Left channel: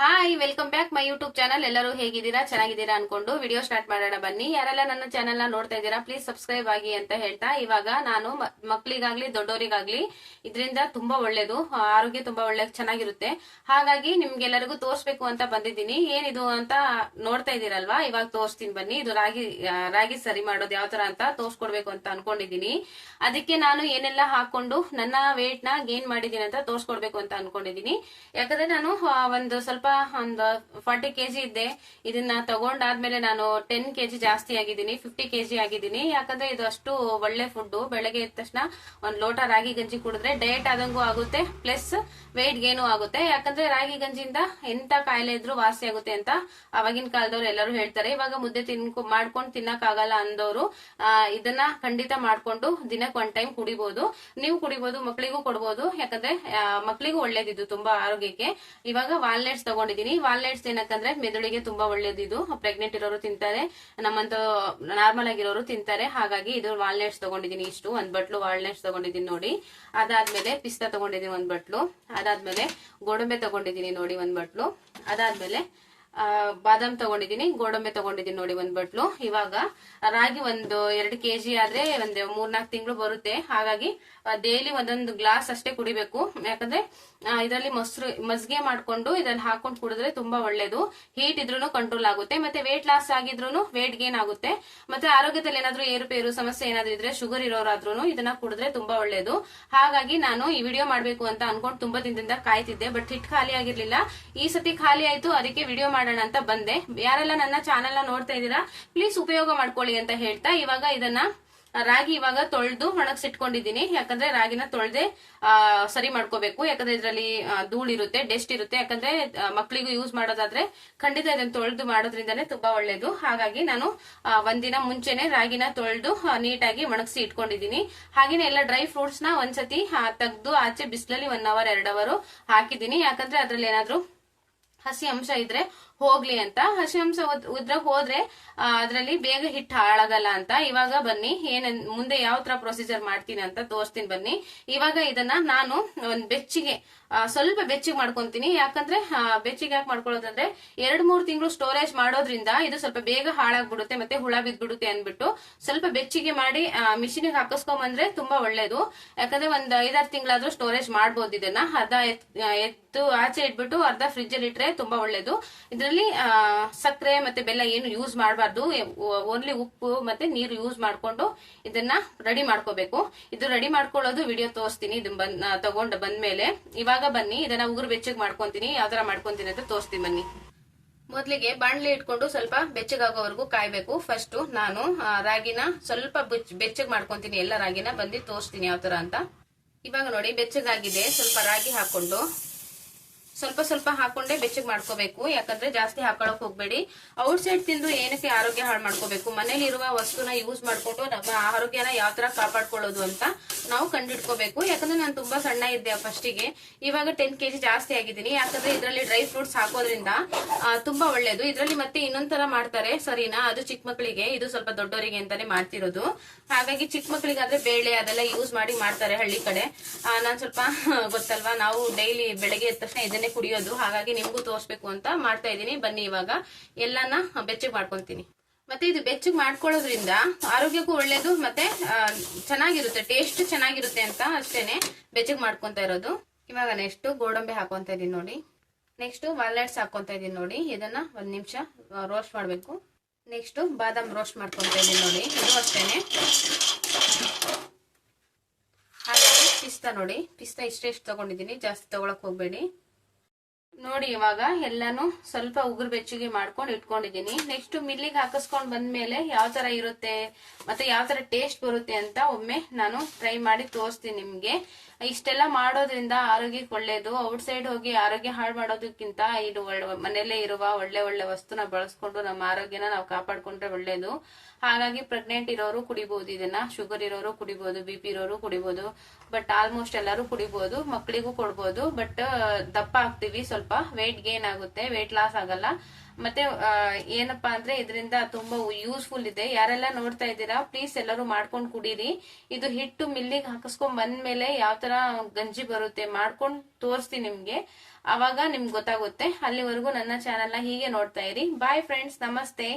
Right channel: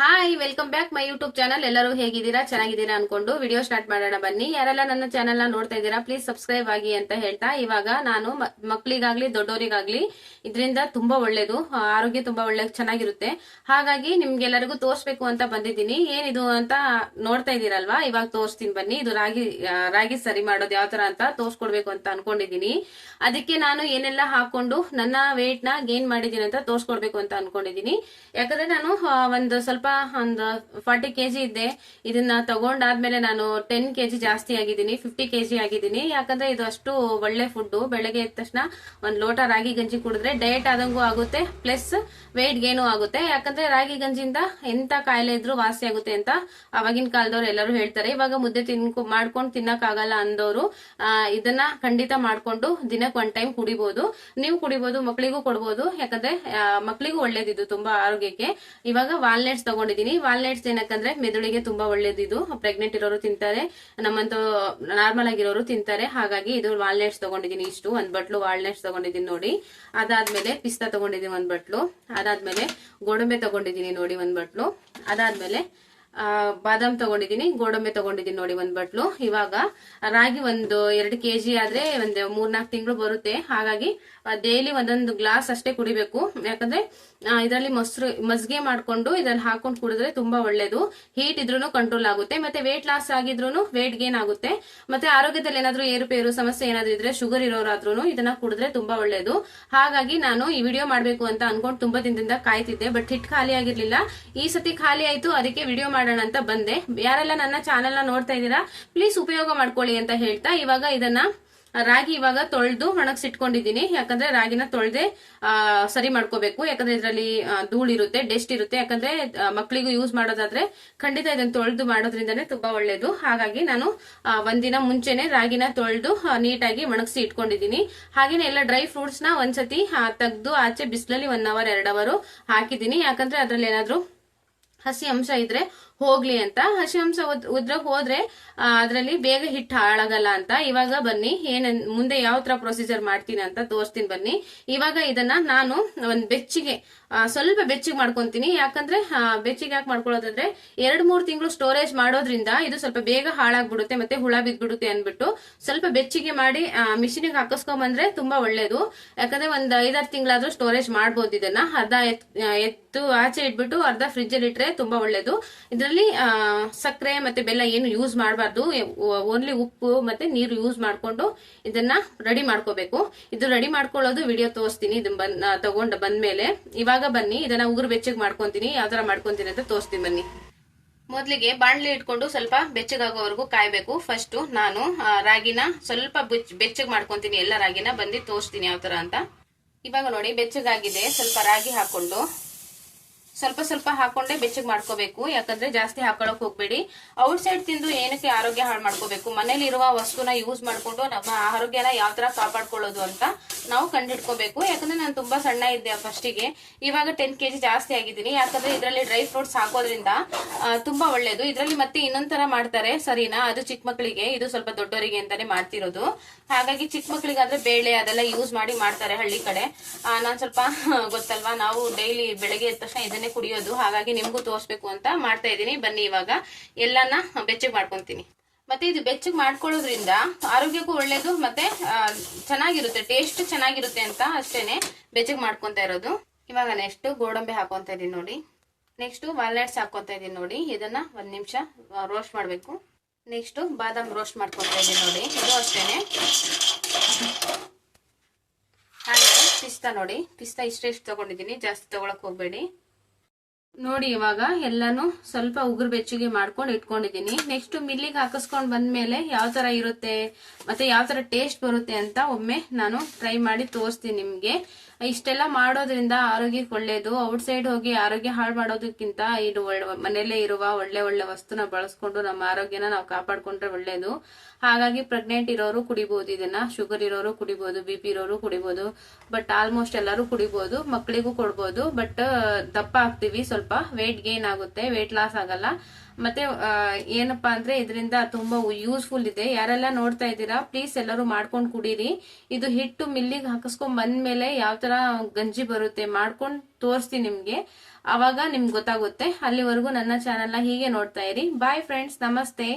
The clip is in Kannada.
Hi welcome back my YouTube channel ಎಲ್ಲರೂ ಹೇಗಿದ್ದೀರಾ? ಚೆನ್ನಾಗಿದ್ದೀರಾ ಅನ್ಕೊಂಡು ವಿಡಿಯೋ ಸ್ಟಾರ್ಟ್ ಮಾಡೋಣ ಬನ್ನಿ. ಯಾರೆಲ್ಲ ನನ್ನ ಚಾನೆಲ್ನ ನೋಡ್ತಾ ಇದ್ದೀರಾ ಪ್ಲೀಸ್ ಸಬ್ಸ್ಕ್ರೈಬ್ ಆಗಿ ಅಂತ ಹೇಳ್ತಾ, ಇವಾಗ ನಾನು ಮಕ್ಳಿಗಾಗ್ಲಿ ದೊಡ್ಡವರಿಗಾಗ್ಲಿ ಇದರಿಂದ ತುಂಬಾ ಒಳ್ಳೇದು ಆರೋಗ್ಯ ತುಂಬಾ ಒಳ್ಳೆ, ಚೆನ್ನಾಗಿರುತ್ತೆ. ಹಾಗಾಗಿ ನಿಮ್ಗೆಲ್ಲರಿಗೂ ತೋರ್ಸ್ಬೇಕು ಅಂತ ಬಂದಿದ್ದೀನಿ. ಏನಿದು ಅಂತ ನೋಡ್ತಾ ಇದ್ದೀರಲ್ವಾ? ಇವಾಗ ತೋರಿಸ್ತೀನಿ ಬನ್ನಿ. ಇದು ರಾಗಿ ರಾಗಿ ಸರಿ ಮಾಡೋದು ಯಾವ ತರ ಅಂತ ತೋರ್ಸ್ಕೊಡ್ಬೇಕು ಅಂತ ಅನ್ಕೊಂಡಿದ್ದೀನಿ. ಅದಕ್ಕೆ ನಾನು ಏನೆಲ್ಲ ಹಾಕೊಂಡು ನನ್ನ ವೇಟ್ನ ಗೇನ್ ಮಾಡಿದೀನಿ ಅಂತ ತೋರ್ಸ್ಕೊಡ್ಬೇಕು ಅಂತ ಅನ್ಕೊಂಡಿದ್ದೀನಿ. ಯಾಕಂದ್ರೆ ನಾನು ಒಂದು ಸ್ವಲ್ಪ ಒಂದು ಫಾರ್ಟಿ ಕೆಜಿ ಇದ್ದೆ ಇದನ್ನ ತಗೊಂಡಾದ್ಮೇಲೆ ನಾನು ಟೆನ್ ಕೆಜಿ ಜಾಸ್ತಿ ಆಗಿದ್ದೀನಿ ಫಿಫ್ಟಿ ಕೆಜಿ ಆಗಿದ್ದೀನಿ. ಯಾಕಂದ್ರೆ ಇದು ಅಷ್ಟು ಒಳ್ಳೆ ಫುಡ್ ಬೆಳಗ್ಗೆ ಎದ್ದ ತಕ್ಷಣ ಒಂದ್ ಲೋಟ ರಾಗಿ ಗಂಜಿ ಕುಡಿದ್ರೆ ಡಯಟ್ ಆದಂಗೂ ಆಗುತ್ತೆ ಪ್ಲಸ್ ವೇಟ್ ಗೇನು ಆಗುತ್ತೆ. ಯಾಕಂದ್ರೆ ರಾಗಿ ಗಂಜಿಯಿಂದ ಎಂತ ಕಾಯಿಲೆ ಇದ್ರೂ ವಾಸಿ ಆಗುತ್ತೆ ಅಂತ ಅವಾಗಿನ ಕಾಲದವ್ರು ಎಲ್ಲರೂ ಹೇಳ್ತಾರೆ. ಇವಾಗ ಮುದ್ದೆ ತಿನ್ಕೊ, ಮಾಡ್ಕೊಂಡು ತಿನ್ನಕ್ ಆಗಲ್ಲ ಅಂದವರು ಇದನ್ನ ಖಂಡಿತ ಮಾಡ್ಕೊಂಡು ದಿನಕ್ಕೆ ಒನ್ ಟೈಮ್ ಕುಡಿಬಹುದು ನೀವು ಕುಡಿಬಹುದು ಮಕ್ಕಳಿಗೂ ಕೊಡ್ಬೋದು. ಯಾಕಂದ್ರೆ ಮಕ್ಕಳಿಗೂ ಒಳ್ಳೇದಿದು, ತುಂಬಾ ಆರೋಗ್ಯಕ್ಕೆ. ಇವಾಗ ವಾಲ್ನಟ್ಸ್ ತಗೊಂಡಿದೀನಿ ವಾಲ್ನಟ್ಸ್ ಏನಕ್ಕಂದ್ರೆ ಮೆದುಳಿಗೆ ತುಂಬಾ ಒಳ್ಳೇದಿದು ಪ್ರೆಗ್ನೆಂಟ್ ಇರೋರು ತಿಂತಾರೆ ನಮ್ಮಂತ ನಾರ್ಮಲ್ ಆಗಿರೋರು ತಿಂತಾರೆ. ಹಾಗಾಗಿ ಇದು ವಾಲ್ನಟ್ಸ್ ತಗೊಂಡಿದೀನಿ ಇಷ್ಟು. ಒಂದ್ ಬಟ್ಲು ವಾಲ್ನಟ್ಸ್ ತಗೊಂಡಿದೀನಿ ನೋಡಿ. ಅದಾದ್ಮೇಲೆ ಪಿಸ್ತಾ ತಗೊಂಡಿದೀನಿ ಒಂದ್ ಬಟ್ಲು. ಅದಾದ್ಮೇಲೆ ಗೋಡಂಬೆ ತಗೊಂಡಿದೀನಿ ನೋಡಿ ಒಂದ್ ಬಟ್ಲು. ಅದಾದ್ಮೇಲೆ ಬಾದಾಮ್ ತಗೊಂಡಿದೀನಿ ಗೋಡಂಬೆ ತಗೊಂಡಿದೀನಿ ನೋಡಿ ಒಂದ್ ಬಟ್ಲು. ಇವಾಗ ರಾಗಿ ಒಂದು ಎರಡು ಕೆಜಿ ಆದ್ರೆ ಒಂದ್ ಮೂರ್ನಾಲ್ಕು ತಿಂಗಳು ಬರುತ್ತೆ. ಹಾಗಾಗಿ ಡೈಲಿ ಒಂದೊಂದು ಗ್ಲಾಸ್ ಅಷ್ಟೇ ಕುಡಿಬೇಕು. ಯಾಕಂದ್ರೆ ಇದರಲ್ಲಿ ಮೊಸರು ಮಜ್ಗೆ ಮಾಡ್ಕೊಂಡು ಇದ್ರಲ್ಲಿ ಹಾಕೊಂಡು ಕುಡಿದ್ರೆ ತುಂಬಾ ಒಳ್ಳೇದು. ಹೀಟ್ ಇದ್ರೂ ಕಂಟ್ರೋಲ್ ಆಗುತ್ತೆ. ಮತ್ತೆ ವೇಟ್ ಲಾಸ್ ಆಗಿದ್ರು ವೇಟ್ ಗೇನ್ ಆಗುತ್ತೆ. ಮತ್ತೆ ಆರೋಗ್ಯದಲ್ಲಿ ಏನಾದ್ರೂ ಏರುಪೇರು ಸಮಸ್ಯೆ ಏನಾದ್ರೂ ಇದ್ರೆ ಶುಗರ್ ಇರೋರಾದ್ರೂ ಇದನ್ನ ಕುಡಿದ್ರೆ ತುಂಬಾ ಒಳ್ಳೇದು. ಹಾಗಾಗಿ ನಾನು ಈ ವಿಡಿಯೋ ಮಾಡಬೇಕು ಅಂತ ಅನ್ಕೊಂಡು ತುಂಬಾ ದಿನದಿಂದ ಕಾಯ್ತಿದ್ದೆ. ಬಟ್ ಹಿಟ್ ಖಾಲಿ ಆಗಿರ್ಲಿಲ್ಲ. ಈ ಸತಿ ಖಾಲಿ ಆಯ್ತು. ಅದಕ್ಕೆ ವಿಡಿಯೋ ಮಾಡೋಣ ಅಂತ ಬಂದೆ. ಯಾರೆಲ್ಲ ನನ್ನ ಚಾನೆಲ್ನ ನೋಡ್ತಾ ಇದ್ದೀರಾ ಪ್ಲೀಸ್ ಉಪಯೋಗ ಮಾಡ್ಕೊಳ್ಳಿ ಅಂತ ಹೇಳ್ತಾ ಇವಾಗ ಇದನ್ನ ರಾಗಿ ಇವಾಗ ತೊಳೆದು ಒಣಗಿಸಿಟ್ಕೊಂಡಿದ್ದೀನಿ. ಯಾಕಂದ್ರೆ ರಾಗಿನ ತೊಳೆದೆ ಸರಿ ಮಾಡ್ಕೋಬೇಕು. ಯಾಕಂದ್ರೆ ಇದರಲ್ಲಿ ಧೂಳಿರುತ್ತೆ ಡೆಸ್ಟ್ ಇರುತ್ತೆ. ಯಾಕಂದ್ರೆ ಮಕ್ಳಿಗೂ ಯೂಸ್ ಮಾಡೋದಾದ್ರೆ ಖಂಡಿತ ಇದನ್ನ ತೊಳೆದು ಮಾಡೋದ್ರಿಂದನೇ ತುಂಬಾ ಒಳ್ಳೇದು. ಹಾಗಾಗಿ ನಾನು ಒಂದಿನ ಮುಂಚೆನೆ ರಾಗಿನ ತೊಳೆದು ನೀಟಾಗಿ ಒಣಗಿಸಿ ಇಟ್ಕೊಂಡಿದ್ದೀನಿ. ಹಾಗೇನೆ ಎಲ್ಲ ಡ್ರೈ ಫ್ರೂಟ್ಸ್ನ ಒಂದ್ಸತಿ ತೆಗೆದು ಆಚೆ ಬಿಸಿಲಲ್ಲಿ ಒನ್ ಅವರ್ ಎರಡ್ ಅವರ್ ಹಾಕಿದ್ದೀನಿ. ಯಾಕಂದ್ರೆ ಅದ್ರಲ್ಲಿ ಏನಾದ್ರು ಹಸಿ ಅಂಶ ಇದ್ರೆ ಹೋಗ್ಲಿ ಅಂತ. ಹಸಿ ಅಂಶ ಉದ್- ಉದ್ರ ಹೋದ್ರೆ ಅದರಲ್ಲಿ ಬೇಗ ಹಿಟ್ಟು ಹಾಳಾಗಲ್ಲ ಅಂತ. ಇವಾಗ ಬನ್ನಿ, ಏನ, ಮುಂದೆ ಯಾವ ತರ ಪ್ರೊಸೀಜರ್ ಮಾಡ್ತೀನಿ ಅಂತ ತೋರಿಸ್ತೀನಿ ಬನ್ನಿ. ಇವಾಗ ಇದನ್ನ ನಾನು ಒಂದ್ ಬೆಚ್ಚಿಗೆ ಸ್ವಲ್ಪ ಬೆಚ್ಚಿಗೆ ಮಾಡ್ಕೊಂತೀನಿ. ಯಾಕಂದ್ರೆ ಬೆಚ್ಚಿಗೆ ಯಾಕೆ ಮಾಡ್ಕೊಳ್ಳೋದಂದ್ರೆ, ಎರಡ್ ಮೂರ್ ತಿಂಗಳು ಸ್ಟೋರೇಜ್ ಮಾಡೋದ್ರಿಂದ ಇದು ಸ್ವಲ್ಪ ಬೇಗ ಹಾಳಾಗ್ಬಿಡುತ್ತೆ, ಮತ್ತೆ ಹುಳ ಬಿದ್ಬಿಡುತ್ತೆ ಅನ್ಬಿಟ್ಟು ಸ್ವಲ್ಪ ಬೆಚ್ಚಿಗೆ ಮಾಡಿ ಮಿಷಿನಿಗೆ ಹಾಕಿಸ್ಕೊಂಬಂದ್ರೆ ತುಂಬಾ ಒಳ್ಳೇದು. ಯಾಕಂದ್ರೆ ಒಂದ್ ಐದಾರು ತಿಂಗಳಾದ್ರೂ ಸ್ಟೋರೇಜ್ ಮಾಡ್ಬೋದು ಇದನ್ನ. ಅರ್ಧ ಎತ್- ಎತ್ತು ಆಚೆ ಇಟ್ಬಿಟ್ಟು ಅರ್ಧ ಫ್ರಿಜ್ ಅಲ್ಲಿ ಇಟ್ರೆ ತುಂಬಾ ಒಳ್ಳೇದು. ಇದರಲ್ಲಿ ಸಕ್ಕರೆ ಮತ್ತೆ ಬೆಲ್ಲ ಏನು ಯೂಸ್ ಮಾಡಬಾರ್ದು. ಓನ್ಲಿ ಉಪ್ಪು ಮತ್ತೆ ನೀರು ಯೂಸ್ ಮಾಡಿಕೊಂಡು ಇದನ್ನ ರೆಡಿ ಮಾಡ್ಕೋಬೇಕು. ಇದು ರೆಡಿ ಮಾಡ್ಕೊಳ್ಳೋದು ವಿಡಿಯೋ ತೋರಿಸ್ತೀನಿ. ಇದು ಬನ್ ಆ, ತಗೊಂಡ್ ಬಂದ್ಮೇಲೆ. ಇವಾಗ ಬನ್ನಿ ಇದನ್ನ ಉಗುರು ಬೆಚ್ಚಗ್ ಮಾಡ್ಕೊಂತೀನಿ. ಯಾವ ತರ ಮಾಡ್ಕೊಂತೀನಿ ಅಂತ ತೋರಿಸ್ತೀನಿ ಬನ್ನಿ. ಮೊದಲಿಗೆ ಬಾಣ್ಲಿ ಇಟ್ಕೊಂಡು ಸ್ವಲ್ಪ ಬೆಚ್ಚಗಾಗೋವರೆಗೂ ಕಾಯ್ಬೇಕು. ಫಸ್ಟ್ ನಾನು ರಾಗಿನ ಸ್ವಲ್ಪ ಬೆಚ್ಚ- ಬೆಚ್ಚಗ್ ಮಾಡ್ಕೊಂತೀನಿ. ಎಲ್ಲ ರಾಗಿನ ಬಂದು ತೋರಿಸ್ತೀನಿ ಯಾವ ತರ ಅಂತ. ಇವಾಗ ನೋಡಿ ಬೆಚ್ಚಗಾಗಿದೆ. ಸ್ವಲ್ಪ ರಾಗಿ ಹಾಕೊಂಡು ಸ್ವಲ್ಪ ಸ್ವಲ್ಪ ಹಾಕೊಂಡೆ ಬೆಚ್ಚಗ್ ಮಾಡ್ಕೋಬೇಕು. ಯಾಕಂದ್ರೆ ಜಾಸ್ತಿ ಹಾಕೊಳಕ್ ಹೋಗ್ಬೇಡಿ. ಔಟ್ ಸೈಡ್ ತಿಂದು ಏನಕ್ಕೆ ಆರೋಗ್ಯ ಹಾಳು ಮಾಡ್ಕೋಬೇಕು? ಮನೇಲಿರುವ ವಸ್ತುನ ಯೂಸ್ ಮಾಡ್ಕೊಂಡು ನಮ್ಮ ಆರೋಗ್ಯನ ಯಾವ ತರ ಕಾಪಾಡ್ಕೊಳ್ಳೋದು ಅಂತ ನಾವು ಕಂಡಿಡ್ಕೋಬೇಕು. ಯಾಕಂದ್ರೆ ನಾನು ತುಂಬಾ ಸಣ್ಣ ಇದ್ದೆ ಫಸ್ಟಿಗೆ ಇವಾಗ ಟೆನ್ ಕೆಜಿ ಜಾಸ್ತಿ ಆಗಿದ್ದೀನಿ. ಯಾಕಂದ್ರೆ ಇದರಲ್ಲಿ ಡ್ರೈ ಫ್ರೂಟ್ಸ್ ಹಾಕೋದ್ರಿಂದ ತುಂಬಾ ಒಳ್ಳೇದು. ಇದರಲ್ಲಿ ಮತ್ತೆ ಇನ್ನೊಂದ್ ತರ ಮಾಡ್ತಾರೆ. ಸರಿನಾ? ಅದು ಚಿಕ್ಕ ಮಕ್ಕಳಿಗೆ, ಇದು ಸ್ವಲ್ಪ ದೊಡ್ಡವರಿಗೆ ಅಂತಾನೆ ಮಾಡ್ತಿರೋದು. ಹಾಗಾಗಿ ಚಿಕ್ಕ ಮಕ್ಕಳಿಗಾದ್ರೆ ಬೇಳೆ ಅದೆಲ್ಲ ಯೂಸ್ ಮಾಡಿ ಮಾಡ್ತಾರೆ ಹಳ್ಳಿ ಕಡೆ. ನಾನ್ ಸ್ವಲ್ಪ ಗೊತ್ತಲ್ವಾ? ನಾವು ಡೈಲಿ ಬೆಳಗ್ಗೆ ಎದ್ದ ತಕ್ಷಣ ಇದನ್ನೇ ಕುಡಿಯೋದು. ಹಾಗಾಗಿ ನಿಮ್ಗೂ ತೋರಿಸ್ಬೇಕು ಅಂತ ಮಾಡ್ತಾ ಇದ್ದೀನಿ. ಬನ್ನಿ ಇವಾಗ. ಎಲ್ಲಾನ ಬೆಚ್ಚಗೆ ಮಾಡ್ಕೊಂತೀನಿ. ಮತ್ತೆ ಇದು ಬೆಚ್ಚಗೆ ಮಾಡ್ಕೊಳ್ಳೋದ್ರಿಂದ ಆರೋಗ್ಯಕ್ಕೂ ಒಳ್ಳೇದು ಮತ್ತೆ ಚೆನ್ನಾಗಿರುತ್ತೆ, ಟೇಸ್ಟ್ ಚೆನ್ನಾಗಿರುತ್ತೆ ಅಂತ ಅಷ್ಟೇನೆ ಬೆಚ್ಚಗೆ ಮಾಡ್ಕೊತಾ ಇರೋದು. ಇವಾಗ ನೆಕ್ಸ್ಟ್ ಗೋಡಂಬಿ ಹಾಕೊಂತ ಇದೀನಿ ನೋಡಿ. ನೆಕ್ಸ್ಟ್ ವಾಲ್ನಟ್ಸ್ ಹಾಕೊಂತ ಇದೀನಿ ನೋಡಿ. ಇದನ್ನ ಒಂದ್ ನಿಮಿಷ ರೋಸ್ಟ್ ಮಾಡ್ಬೇಕು. ನೆಕ್ಸ್ಟ್ ಬಾದಾಮ್ ರೋಸ್ಟ್ ಮಾಡ್ಕೊಂತ ಇದೀನಿ ನೋಡಿ. ಇದು ಅಷ್ಟೇನೆ. ಹಾಗೆ, ಪಿಸ್ತಾ ನೋಡಿ. ಪಿಸ್ತಾ ಇಷ್ಟೇ ಇಷ್ಟು ತಗೊಂಡಿದ್ದೀನಿ. ಜಾಸ್ತಿ ತಗೊಳಕ್ ಹೋಗ್ಬೇಡಿ. ನೋಡಿ, ಇವಾಗ ಎಲ್ಲಾನು ಸ್ವಲ್ಪ ಉಗುರು ಬೆಚ್ಚಗೆ ಮಾಡ್ಕೊಂಡು ಇಟ್ಕೊಂಡಿದ್ದೀನಿ. ನೆಕ್ಸ್ಟ್ ಮಿಲ್ಲಿಗೆ ಹಾಕಿಸ್ಕೊಂಡ್ ಬಂದ್ಮೇಲೆ ಯಾವ ತರ ಇರುತ್ತೆ ಮತ್ತೆ ಯಾವ ತರ ಟೇಸ್ಟ್ ಬರುತ್ತೆ ಅಂತ ಒಮ್ಮೆ ನಾನು ಟ್ರೈ ಮಾಡಿ ತೋರಿಸ್ತೀನಿ ನಿಮ್ಗೆ. ಇಷ್ಟೆಲ್ಲ ಮಾಡೋದ್ರಿಂದ ಆರೋಗ್ಯಕ್ಕೆ ಒಳ್ಳೇದು. ಔಟ್ ಸೈಡ್ ಹೋಗಿ ಆರೋಗ್ಯ ಹಾಳು ಮಾಡೋದಕ್ಕಿಂತ ಇದು ಮನೆಯಲ್ಲೇ ಇರುವ ಒಳ್ಳೆ ಒಳ್ಳೆ ವಸ್ತುನ ಬಳಸ್ಕೊಂಡು ನಮ್ಮ ಆರೋಗ್ಯನ ನಾವು ಕಾಪಾಡ್ಕೊಂಡ್ರೆ ಒಳ್ಳೇದು. ಹಾಗಾಗಿ ಪ್ರೆಗ್ನೆಂಟ್ ಇರೋರು ಕುಡಿಬಹುದು ಇದನ್ನ ಶುಗರ್ ಇರೋರು ಕುಡಿಬಹುದು ಬಿ ಪಿ ಇರೋರು ಕುಡಿಬಹುದು ಬಟ್ ಆಲ್ಮೋಸ್ಟ್ ಎಲ್ಲರೂ ಕುಡಿಬಹುದು ಮಕ್ಕಳಿಗೂ ಕೊಡ್ಬೋದು ಬಟ್ ದಪ್ಪ ಆಗ್ತೀವಿ. ವೇಟ್ ಗೇನ್ ಆಗುತ್ತೆ ವೇಟ್ ಲಾಸ್ ಆಗಲ್ಲ. ಮತ್ತೆ ಏನಪ್ಪಾ ಅಂದ್ರೆ ಇದರಿಂದ ತುಂಬಾ ಯೂಸ್ಫುಲ್ ಇದೆ. ಯಾರೆಲ್ಲ ನೋಡ್ತಾ ಇದ್ದೀರಾ ಪ್ಲೀಸ್ ಎಲ್ಲರೂ ಮಾಡ್ಕೊಂಡು ಕುಡೀರಿ. ಇದು ಹಿಟ್ಟು ಮಿಲ್ಲಿಗೆ ಹಾಕಿಸ್ಕೊಂಡ್ ಬಂದ್ಮೇಲೆ ಯಾವ ತರ ಗಂಜಿ ಬರುತ್ತೆ ಮಾಡ್ಕೊಂಡು ತೋರಿಸ್ತೀನಿ ನಿಮ್ಗೆ. ಅವಾಗ ನಿಮ್ಗೆ ಗೊತ್ತಾಗುತ್ತೆ. ಅಲ್ಲಿವರೆಗೂ ನನ್ನ ಚಾನೆಲ್ನ ಹೀಗೆ ನೋಡ್ತಾ ಇರಿ. ಬಾಯ್ ಫ್ರೆಂಡ್ಸ್ ನಮಸ್ತೆ.